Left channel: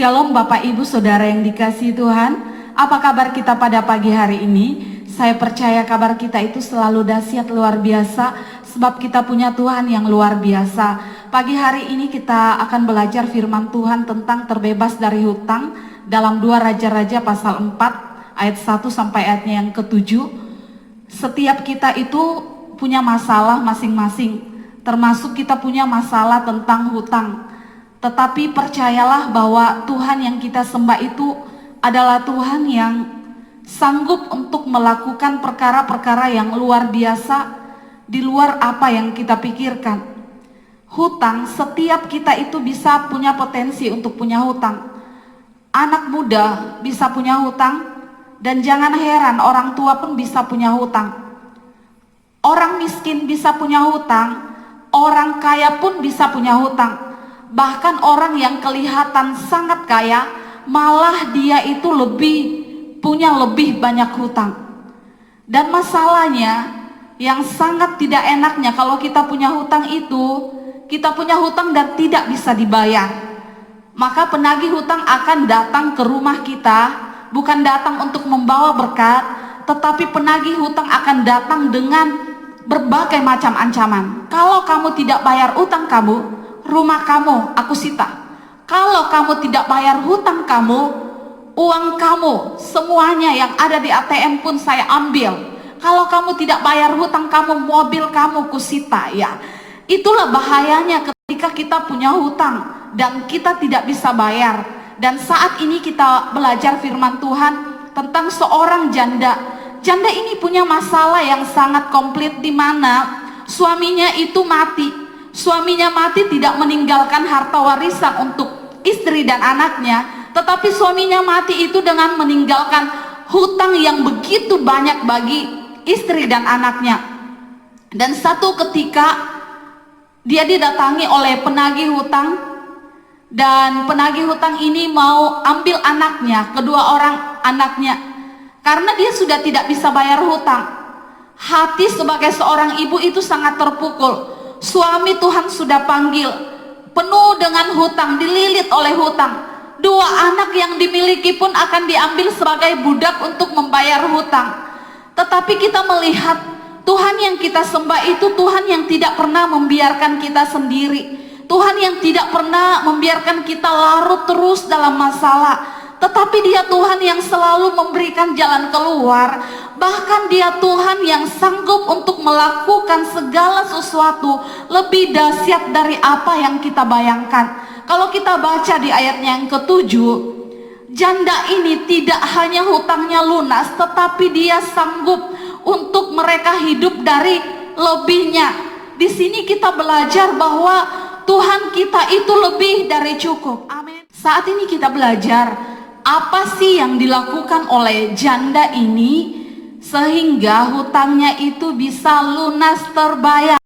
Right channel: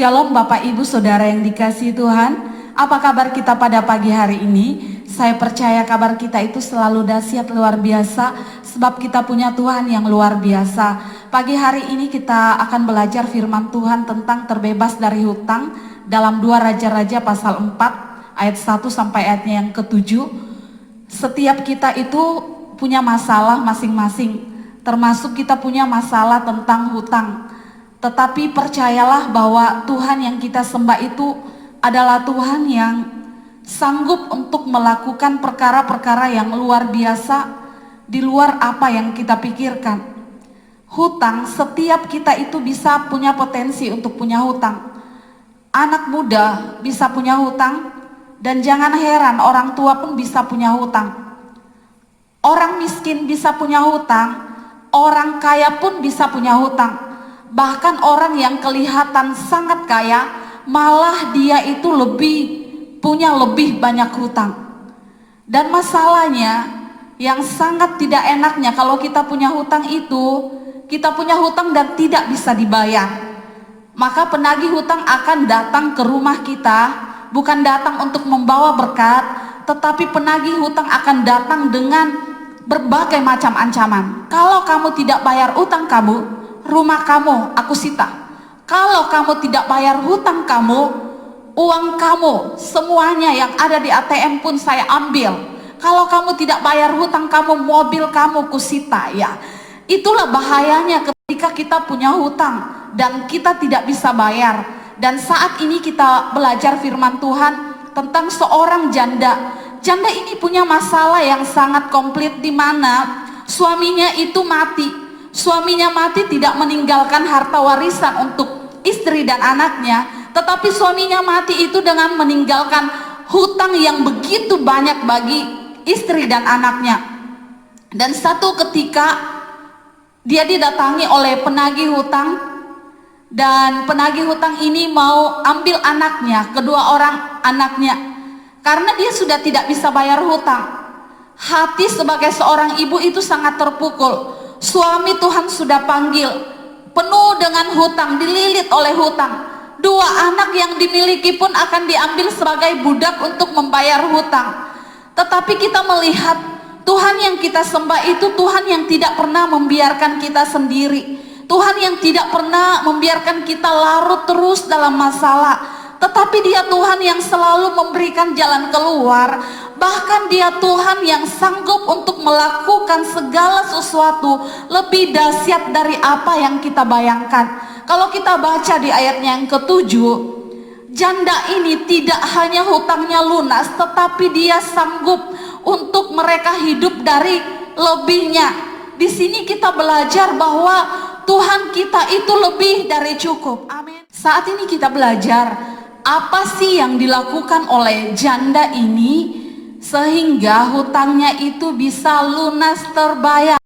Shalom Bapak Ibu Saudara yang dikasihi Tuhan. Apa kabar kita pada pagi hari ini? Saya percaya kabar kita itu selalu dahsyat luar biasa, sebab kita punya Tuhan yang luar biasa. Pagi hari ini kita akan belajar firman Tuhan tentang terbebas dari hutang dalam 2 Raja-Raja pasal 4 ayat 1 sampai ayatnya yang ke-7. Setiap kita itu punya masalah masing-masing, termasuk kita punya masalah tentang hutang. Tetapi percayalah bahwa Tuhan yang kita sembah itu adalah Tuhan yang sanggup untuk melakukan perkara-perkara yang luar biasa di luar apa yang kita pikirkan. Hutang, setiap kita itu bisa punya potensi untuk punya hutang. Anak muda bisa punya hutang, dan jangan heran orang tua pun bisa punya hutang. Orang miskin bisa punya hutang, orang kaya pun bisa punya hutang. Bahkan orang yang kelihatan sangat kaya, malah dia itu punya lebih banyak hutang. Dan masalahnya yang sangat tidak enaknya kalau kita punya hutang itu, kita punya hutang dan tidak bisa dibayar. Maka penagih hutang akan datang ke rumah kita, bukan datang untuk membawa berkat, tetapi penagih hutang akan datang dengan berbagai macam ancaman. Kalau kamu tidak bayar hutang kamu, rumah kamu aku sita. Kalau kamu tidak bayar hutang kamu, uang kamu semuanya yang ada di ATM pun saya ambil. Kalau kamu tidak bayar hutang kamu, mobil kamu kusita ya. Itulah bahayanya ketika kita punya hutang dan kita tidak bisa bayar. Dan saat ini kita belajar firman Tuhan tentang seorang janda. Janda ini punya masalah yang sangat komplit, di mana suaminya itu mati. Suaminya mati tidak meninggalkan harta warisan untuk istri dan anaknya, tetapi suaminya mati itu dengan meninggalkan hutang yang begitu banyak bagi istri dan anaknya. Dan satu ketika dia didatangi oleh penagih hutang, dan penagih hutang ini mau ambil anaknya, kedua orang anaknya, karena dia sudah tidak bisa bayar hutang. Hati sebagai seorang ibu itu sangat terpukul. Suami Tuhan sudah panggil, penuh dengan hutang, dililit oleh hutang. 2 anak yang dimiliki pun akan diambil sebagai budak untuk membayar hutang. Tetapi kita melihat Tuhan yang kita sembah itu Tuhan yang tidak pernah membiarkan kita sendiri. Tuhan yang tidak pernah membiarkan kita larut terus dalam masalah, tetapi Dia Tuhan yang selalu memberikan jalan keluar. Bahkan Dia Tuhan yang sanggup untuk melakukan segala sesuatu lebih dahsyat dari apa yang kita bayangkan. Kalau kita baca di ayatnya yang ke-7, janda ini tidak hanya hutangnya lunas, tetapi dia sanggup untuk mereka hidup dari lebihnya. Di sini kita belajar bahwa Tuhan kita itu lebih dari cukup. Amin. Saat ini kita belajar apa sih yang dilakukan oleh janda ini sehingga hutangnya itu bisa lunas terbayar.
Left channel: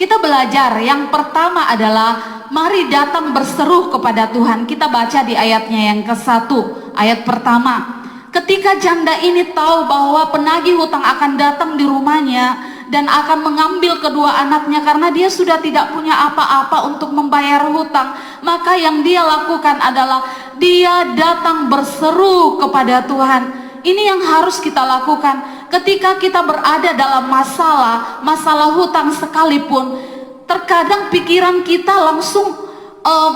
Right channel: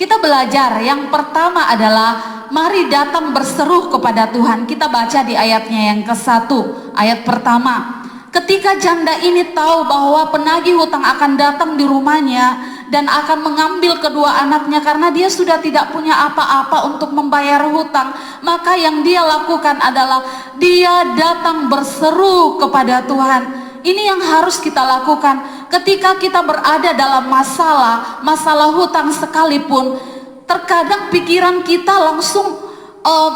Kita belajar yang pertama adalah mari datang berseru kepada Tuhan. Kita baca di ayatnya yang ke-1, ayat pertama. Ketika janda ini tahu bahwa penagih hutang akan datang di rumahnya dan akan mengambil kedua anaknya karena dia sudah tidak punya apa-apa untuk membayar hutang, maka yang dia lakukan adalah dia datang berseru kepada Tuhan. Ini yang harus kita lakukan ketika kita berada dalam masalah hutang sekalipun. Terkadang pikiran kita langsung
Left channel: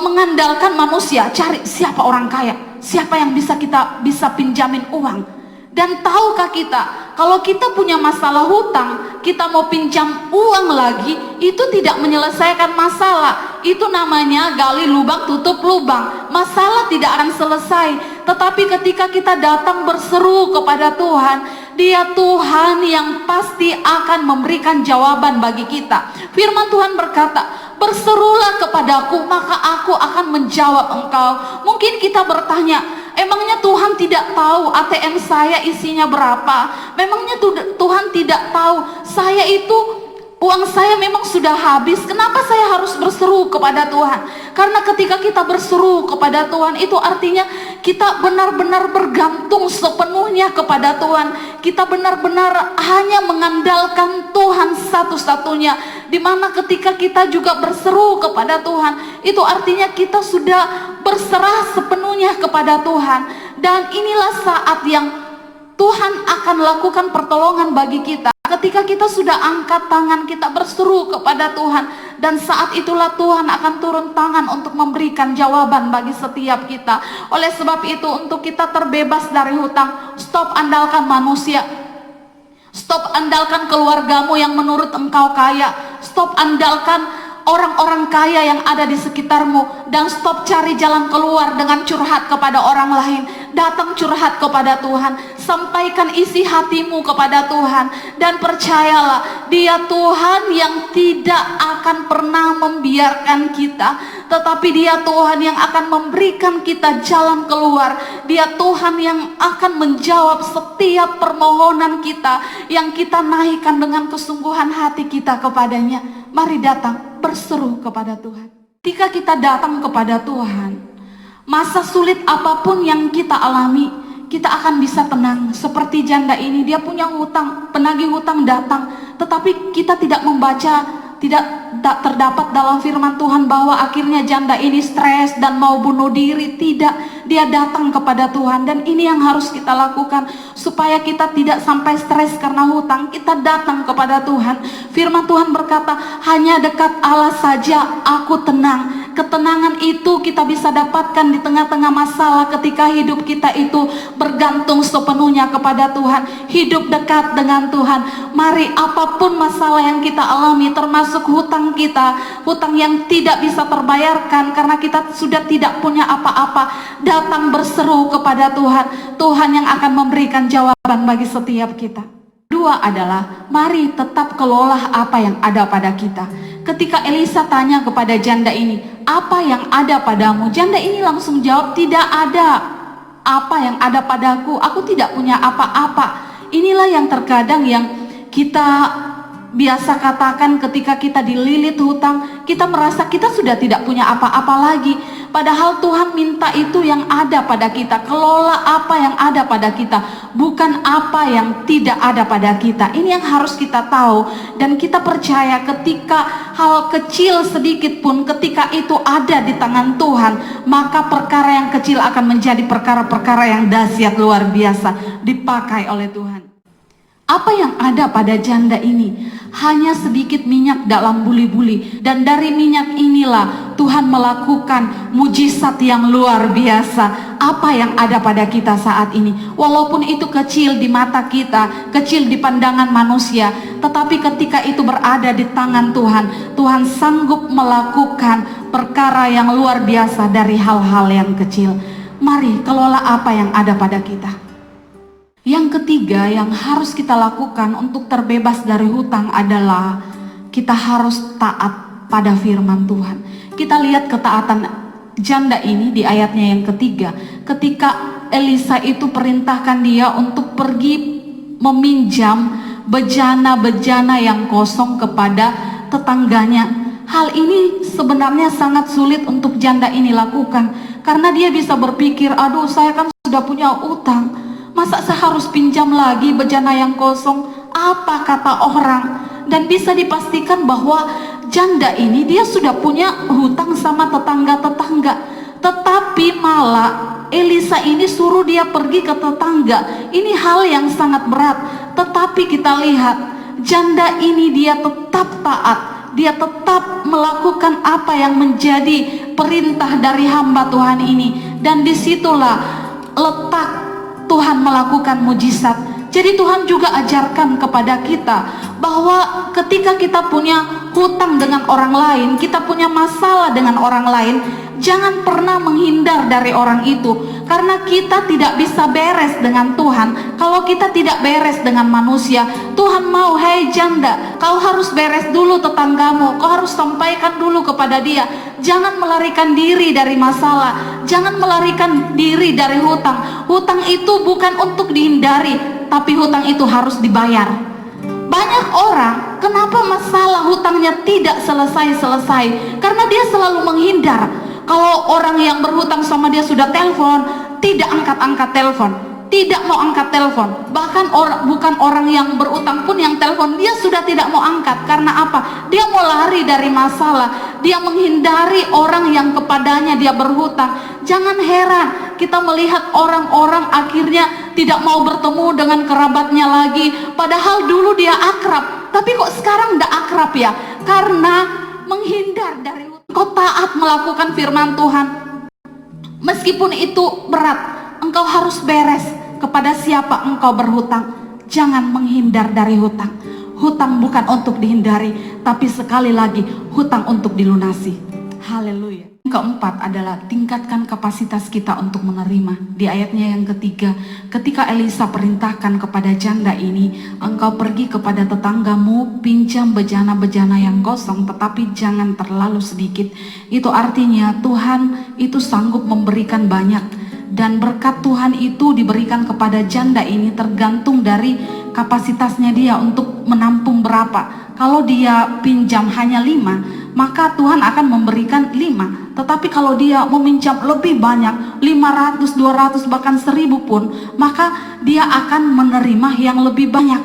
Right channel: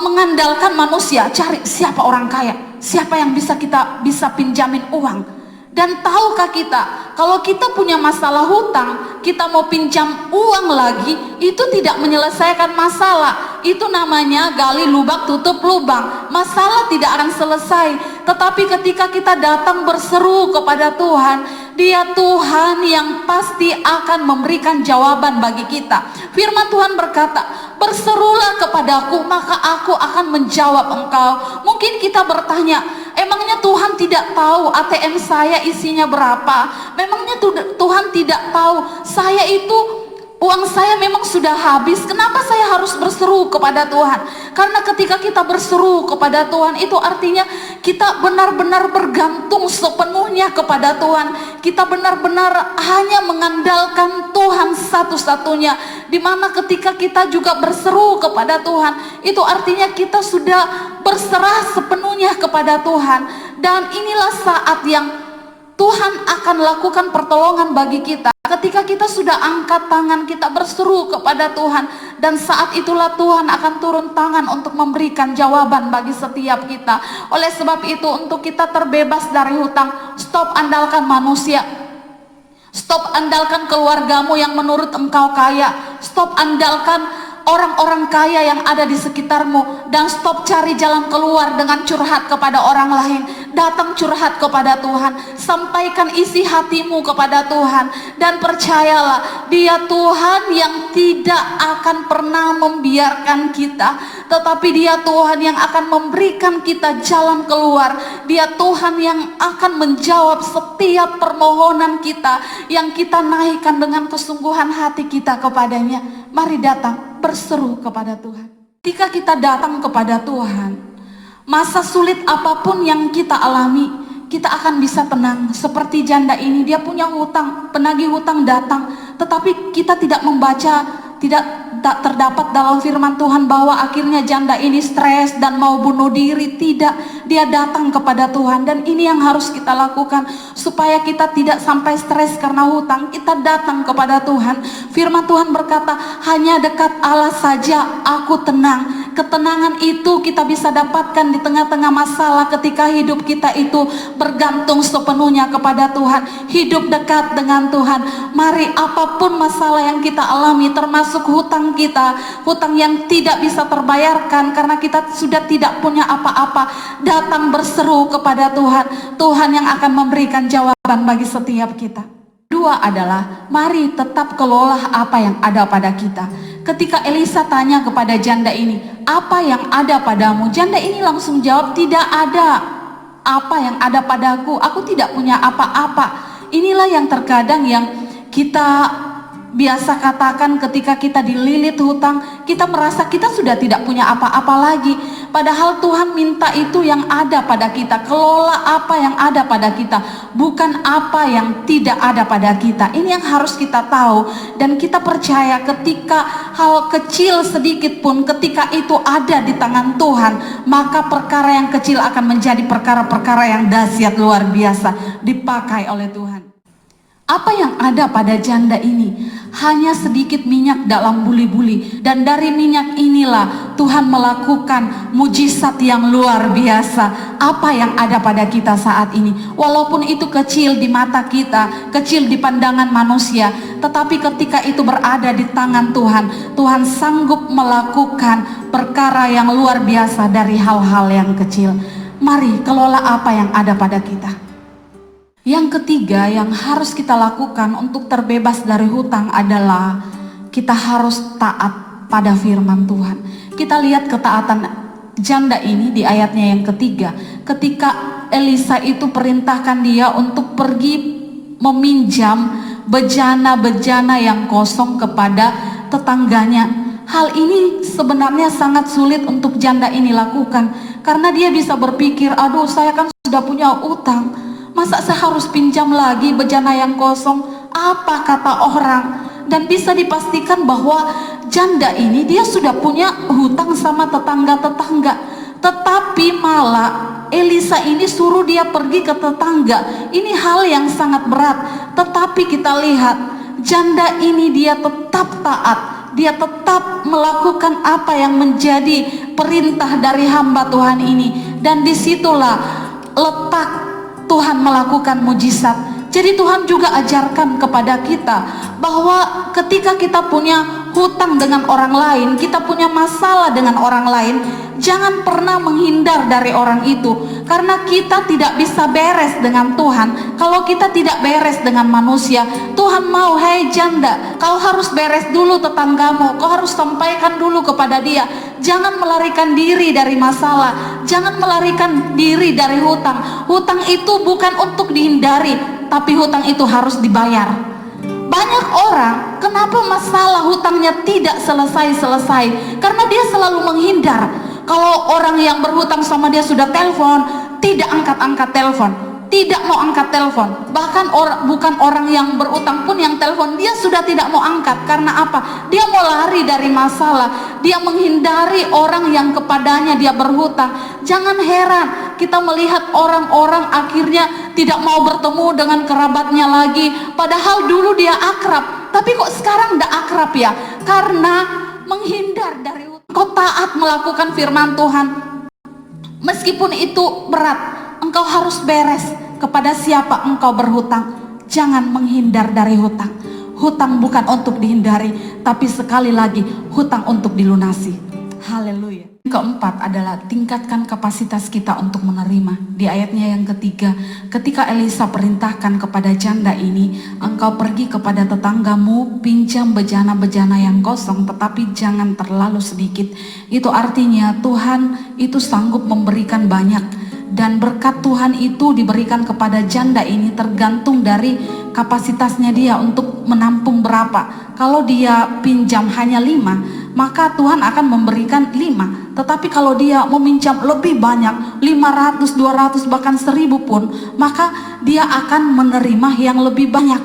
mengandalkan manusia, cari siapa orang kaya, siapa yang bisa pinjamin uang. Dan tahukah kita, kalau kita punya masalah hutang, kita mau pinjam uang lagi, itu tidak menyelesaikan masalah. Itu namanya gali lubang tutup lubang. Masalah tidak akan selesai. Tetapi ketika kita datang berseru kepada Tuhan, Dia Tuhan yang pasti akan memberikan jawaban bagi kita. Firman Tuhan berkata, berserulah kepadaku maka aku akan menjawab engkau. Mungkin kita bertanya, emangnya Tuhan tidak tahu ATM saya isinya berapa? Memangnya Tuhan tidak tahu saya itu uang saya memang sudah habis? Kenapa saya harus berseru kepada Tuhan? Karena ketika kita berseru kepada Tuhan itu artinya kita benar-benar bergantung sepenuhnya kepada Tuhan. Kita benar-benar hanya mengandalkan Tuhan satu-satunya. Dimana ketika kita juga berseru kepada Tuhan, itu artinya kita sudah berserah sepenuhnya kepada Tuhan. Dan inilah saat yang Tuhan akan lakukan pertolongan bagi kita. Ketika kita sudah angkat tangan, kita berseru kepada Tuhan. Dan saat itulah Tuhan akan turun tangan untuk memberikan jawaban bagi setiap kita. Oleh sebab itu, untuk kita terbebas dari hutang, stop andalkan manusia. Stop andalkan keluargamu yang menurut engkau kaya. Stop andalkan orang-orang kaya yang ada di sekitarmu. Dan stop cari jalan keluar dengan curhat kepada orang lain. Datang curhat kepada Tuhan. Sampaikan isi hatimu kepada Tuhan. Dan percayalah, Dia Tuhan yang tidak akan pernah membiarkan kita. Tetapi Dia Tuhan yang akan memberikan kita jalan keluar. Dia Tuhan yang akan menjawab setiap permohonan kita yang kita naikkan dengan kesungguhan hati kita kepadanya. Mari datang berseru kepada Tuhan. Ketika kita datang kepada Tuhan, masa sulit apapun yang kita alami, kita akan bisa tenang. Seperti janda ini, dia punya hutang, penagih hutang datang, tetapi kita tidak membaca, tidak terdapat dalam firman Tuhan bahwa akhirnya janda ini stres dan mau bunuh diri. Tidak, dia datang kepada Tuhan. Dan ini yang harus kita lakukan supaya kita tidak sampai stres karena hutang. Kita datang kepada Tuhan. Firman Tuhan berkata, hanya dekat Allah saja aku tenang. Ketenangan itu kita bisa dapatkan di tengah-tengah masalah ketika hidup kita itu bergantung sepenuhnya kepada Tuhan. Hidup dekat dengan Tuhan. Mari, apapun masalah yang kita alami, termasuk hutang kita, hutang yang tidak bisa terbayarkan karena kita sudah tidak punya apa-apa, datang berseru kepada Tuhan. Tuhan yang akan memberikan jawaban bagi setiap kita. Dua adalah, mari tetap kelola apa yang ada pada kita. Ketika Elisa tanya kepada janda ini, apa yang ada padamu? Janda ini langsung jawab, tidak ada apa yang ada padaku, aku tidak punya apa-apa. Inilah yang terkadang yang kita biasa katakan ketika kita dililit hutang, kita merasa kita sudah tidak punya apa-apa lagi. Padahal Tuhan minta itu yang ada pada kita. Kelola apa yang ada pada kita, bukan apa yang tidak ada pada kita. Ini yang harus kita tahu. Dan kita percaya ketika hal kecil sedikit pun, ketika itu ada di tangan Tuhan, maka perkara yang kecil akan menjadi perkara-perkara yang dahsyat luar biasa dipakai oleh Tuhan. Apa yang ada pada janda ini? Hanya sedikit minyak dalam buli-buli. Dan dari minyak inilah Tuhan melakukan mujizat yang luar biasa. Apa yang ada pada kita saat ini? Walaupun itu kecil di mata kita, kecil di pandangan manusia, tetapi ketika itu berada di tangan Tuhan, Tuhan sanggup melakukan perkara yang luar biasa dari hal-hal yang kecil. Mari kelola apa yang ada pada kita. Yang ketiga yang harus kita lakukan untuk terbebas dari hutang adalah kita harus taat pada firman Tuhan. Kita lihat ketaatan janda ini di ayatnya yang ketiga. Ketika Elisa itu perintahkan dia untuk pergi meminjam bejana-bejana yang kosong kepada tetangganya. Hal ini sebenarnya sangat sulit untuk janda ini lakukan. Karena dia bisa berpikir, aduh saya kan sudah punya utang. Masa saya harus pinjam lagi bejana yang kosong? Apa kata orang? Dan bisa dipastikan bahwa janda ini dia sudah punya hutang sama tetangga-tetangga. Tetapi malah Elisa ini suruh dia pergi ke tetangga. Ini hal yang sangat berat. Tetapi kita lihat janda ini dia tetap taat. Dia tetap melakukan apa yang menjadi perintah dari hamba Tuhan ini. Dan disitulah letak Tuhan melakukan mujizat. Jadi Tuhan juga ajarkan kepada kita bahwa ketika kita punya hutang dengan orang lain, kita punya masalah dengan orang lain, jangan pernah menghindar dari orang itu. Karena kita tidak bisa beres dengan Tuhan kalau kita tidak beres dengan manusia. Tuhan mau, hei janda, kau harus beres dulu tetanggamu, kau harus sampaikan dulu kepada dia. Jangan melarikan diri dari masalah, jangan melarikan diri dari hutang. Hutang itu bukan untuk dihindari, tapi hutang itu harus dibayar. Banyak orang, kenapa masalah hutangnya tidak selesai-selesai? Karena dia selalu menghindar. Kalau orang yang berhutang sama dia sudah telepon, tidak angkat-angkat telepon, tidak mau angkat telepon. Bahkan bukan orang yang berutang pun yang telepon dia sudah tidak mau angkat. Karena apa? Dia mau lari dari masalah, dia menghindari orang yang kepadanya dia berhutang. Jangan heran kita melihat orang-orang akhirnya tidak mau bertemu dengan kerabatnya lagi, padahal dulu dia akrab, tapi kok sekarang tidak akrab ya? Karena menghindar dari hutang. Kau taat melakukan firman Tuhan, meskipun itu berat, engkau harus beres kepada siapa engkau berhutang. Jangan menghindar dari hutang. Hutang bukan untuk dihindari, tapi sekali lagi hutang untuk dilunasi. Haleluya. Yang keempat adalah tingkatkan kapasitas kita untuk menerima. Di ayatnya yang ketiga, ketika Elisa perintahkan kepada janda ini, engkau pergi kepada tetanggamu, pinjam bejana-bejana yang kosong, tetapi jangan terlalu sedikit. Itu artinya Tuhan itu sanggup memberikan banyak. Dan berkat Tuhan itu diberikan kepada janda ini tergantung dari kapasitasnya dia untuk menampung berapa. Kalau dia pinjam hanya 5, maka Tuhan akan memberikan 5. Tetapi kalau dia meminjam lebih banyak, 500, 200, bahkan 1000 pun, maka dia akan menerima yang lebih banyak.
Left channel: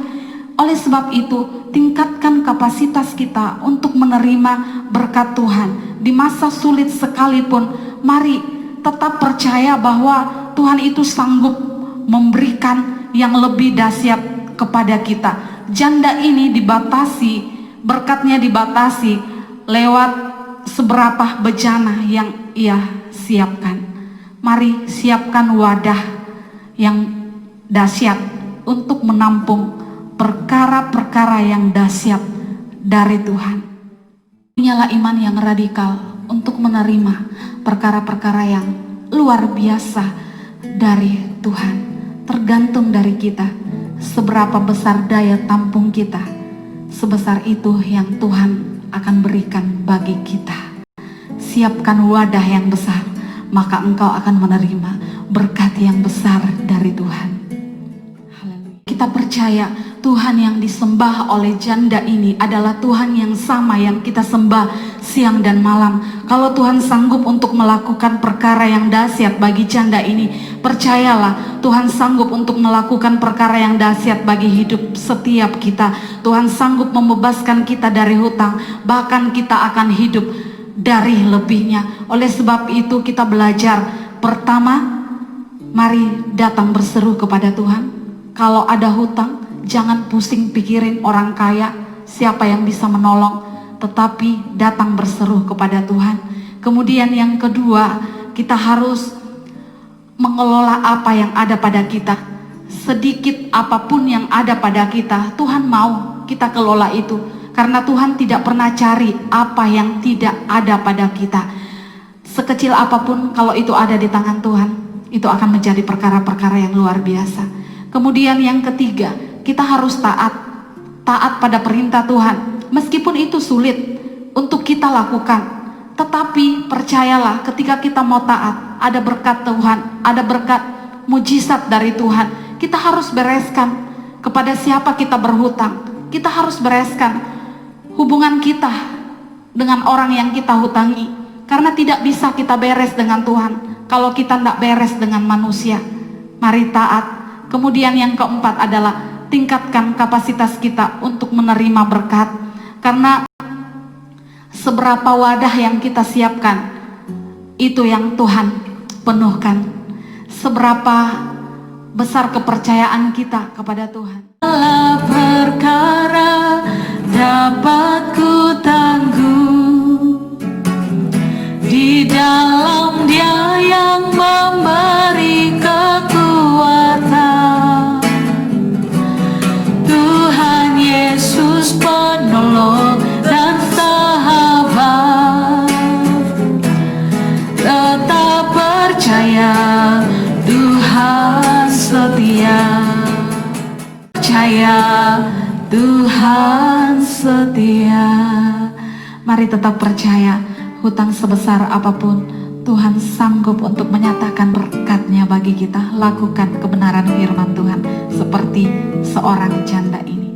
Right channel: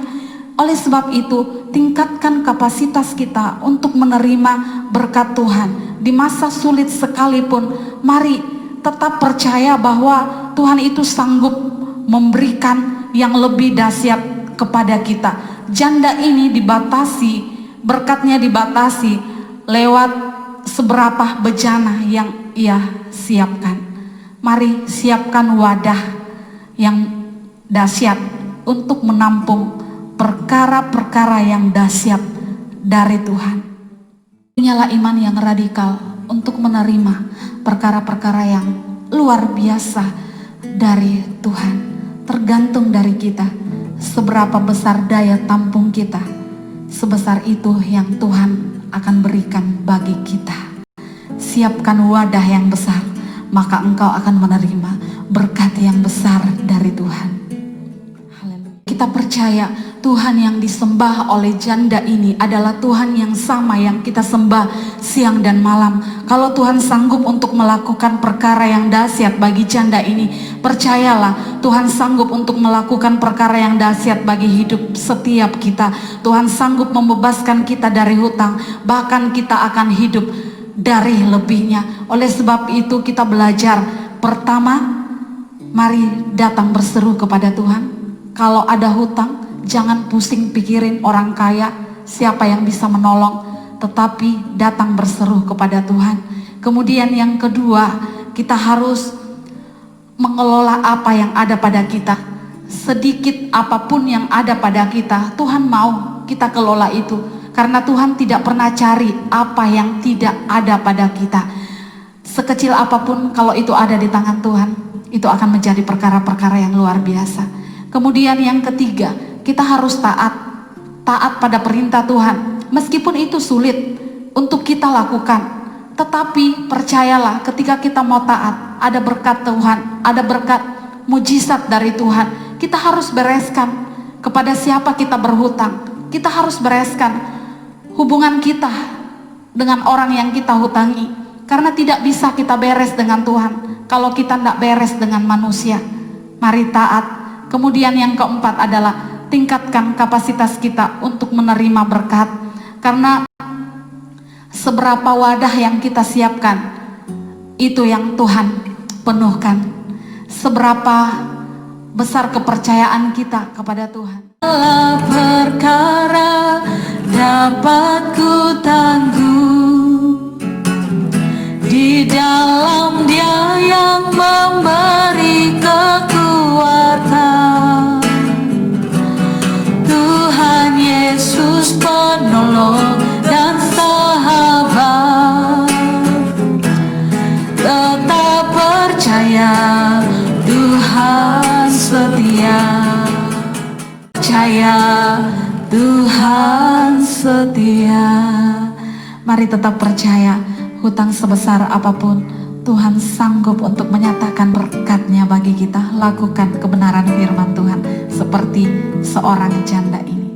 Oleh sebab itu, tingkatkan kapasitas kita untuk menerima berkat Tuhan. Di masa sulit sekalipun, mari tetap percaya bahwa Tuhan itu sanggup memberikan yang lebih dahsyat kepada kita. Janda ini dibatasi, berkatnya dibatasi lewat seberapa bejana yang ia siapkan. Mari siapkan wadah yang dahsyat untuk menampung perkara-perkara yang dahsyat dari Tuhan. Punyalah iman yang radikal untuk menerima perkara-perkara yang luar biasa dari Tuhan. Tergantung dari kita, seberapa besar daya tampung kita, sebesar itu yang Tuhan akan berikan bagi kita. Siapkan wadah yang besar, maka engkau akan menerima berkat yang besar dari Tuhan. Kita percaya Tuhan yang disembah oleh janda ini adalah Tuhan yang sama yang kita sembah siang dan malam. Kalau Tuhan sanggup untuk melakukan perkara yang dahsyat bagi janda ini, percayalah Tuhan sanggup untuk melakukan perkara yang dahsyat bagi hidup setiap kita. Tuhan sanggup membebaskan kita dari hutang, bahkan kita akan hidup dari lebihnya. Oleh sebab itu kita belajar, pertama, mari datang berseru kepada Tuhan. Kalau ada hutang, jangan pusing pikirin orang kaya, siapa yang bisa menolong, tetapi datang berseru kepada Tuhan. Kemudian yang kedua, kita harus mengelola apa yang ada pada kita. Sedikit apapun yang ada pada kita, Tuhan mau kita kelola itu. Karena Tuhan tidak pernah cari apa yang tidak ada pada kita. Sekecil apapun, kalau itu ada di tangan Tuhan, itu akan menjadi perkara-perkara yang luar biasa. Kemudian yang ketiga, kita harus taat pada perintah Tuhan. Meskipun itu sulit untuk kita lakukan, tetapi percayalah ketika kita mau taat, ada berkat Tuhan, ada berkat mujizat dari Tuhan. Kita harus bereskan kepada siapa kita berhutang. Kita harus bereskan hubungan kita dengan orang yang kita hutangi. Karena tidak bisa kita beres dengan Tuhan kalau kita tidak beres dengan manusia. Mari taat. Kemudian yang keempat adalah tingkatkan kapasitas kita untuk menerima berkat. Karena seberapa wadah yang kita siapkan, itu yang Tuhan penuhkan. Seberapa besar kepercayaan kita kepada Tuhan. Perkara dapat ku tangguh di dalam Dia yang memberi kekuatan. Tuhan Yesus penolong dan sahabat. Tetap percaya Tuhan setia. Percaya Tuhan setia. Mari tetap percaya, hutang sebesar apapun Tuhan sanggup untuk menyatakan berkat-Nya bagi kita. Lakukan kebenaran firman Tuhan seperti seorang janda ini.